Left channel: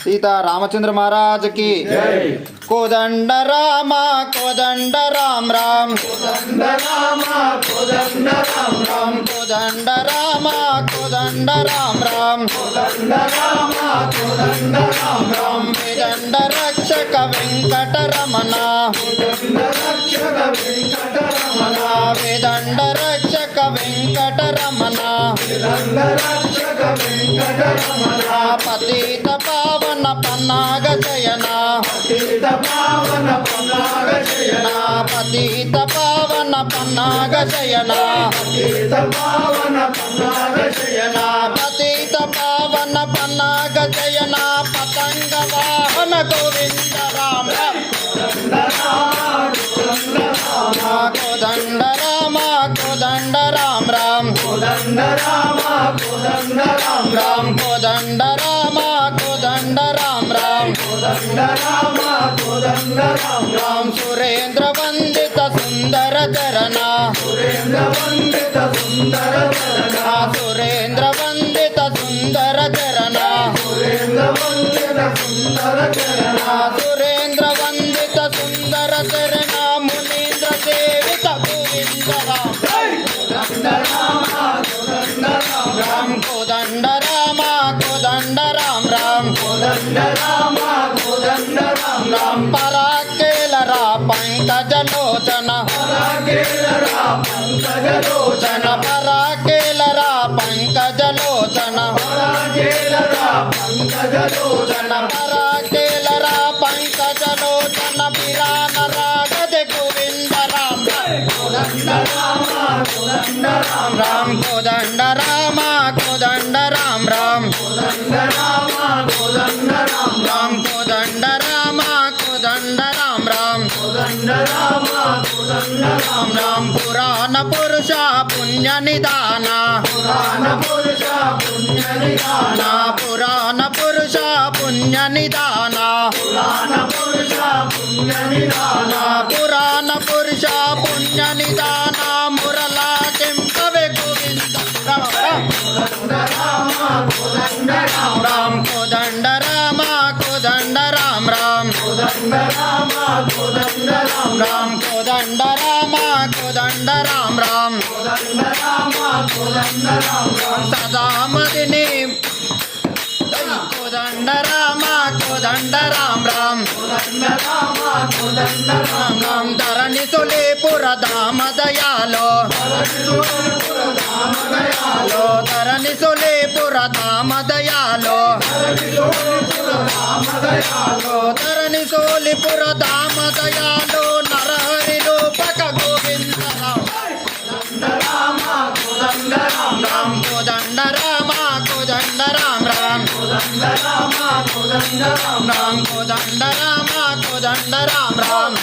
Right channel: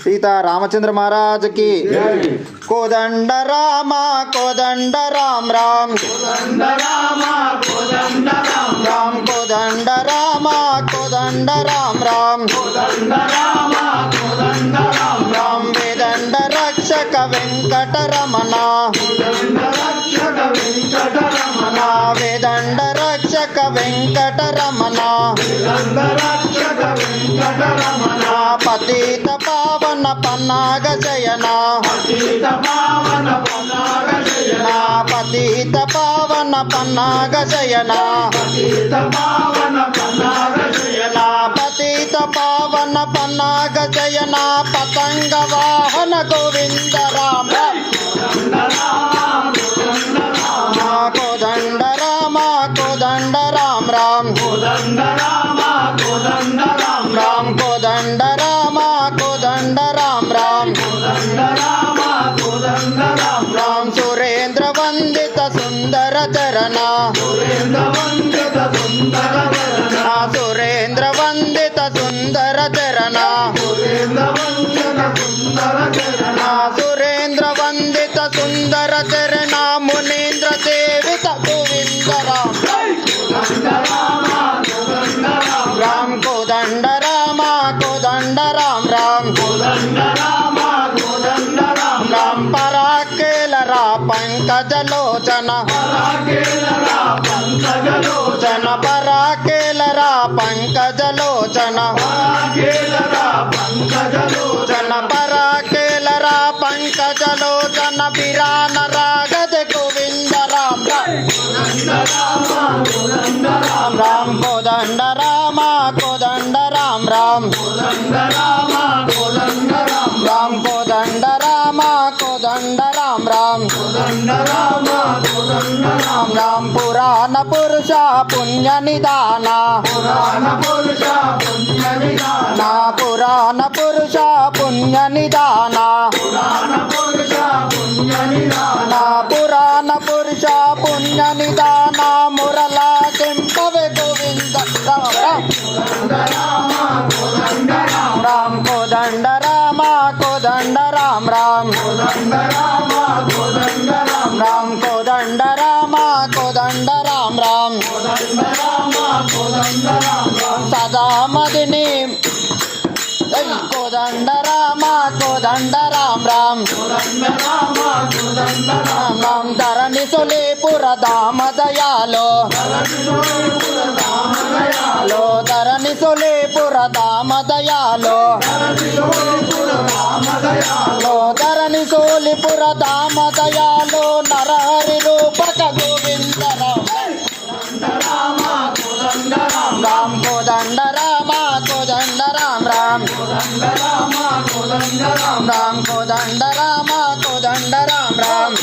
सीता रामचंद्र महाराज की कोदंड राम राम राम कोदंड राम राम राम वेदंड रक्षक वेंकटरमण वेदंड रक्षक वेंकटरमण पतित पावन पन्नाग जयना पतित पावन पन्नाग जयना पतित पावन पन्नाग जयना पतित पावन पन्नाग जयना पतित पावन पन्नाग जयना पतंग वाहन गोविंद राम कोदंड राम राम कोदंड राम राम कोदंड राम राम सुरेंद्र वंदित सुंदर चरणा सुरेंद्र वंदित सुंदर चरणा सुरेंद्र वंदित सुंदर चरणा मुनीन्द्र सेवित गोविंद राम राम कोदंड राम राम राम पराकेलरा पंकजलोचन पराकेलरा पंकजलोचन पराकेलरा पंकजलोचन बिरान रागज गोविंद राम राम कोदंड राम राम राम कोदंड राम राम पुराण पुरुष पुण्य निदान पुराण पुरुष पुण्य निदान पुराण पुरुष पुण्य निदान मुरला केंपवे गोविंद राम कोदंड राम राम राम कोदंड राम सदा मदिनी कोदंड राम राम धरणि सुलेपुर धाम दयालो धरणि सुलेपुर धाम दयालो धरणि सोलिपुर धाम दयालो नरहरि रूपक गोविंद राम कोदंड राम राम कोदंड राम राम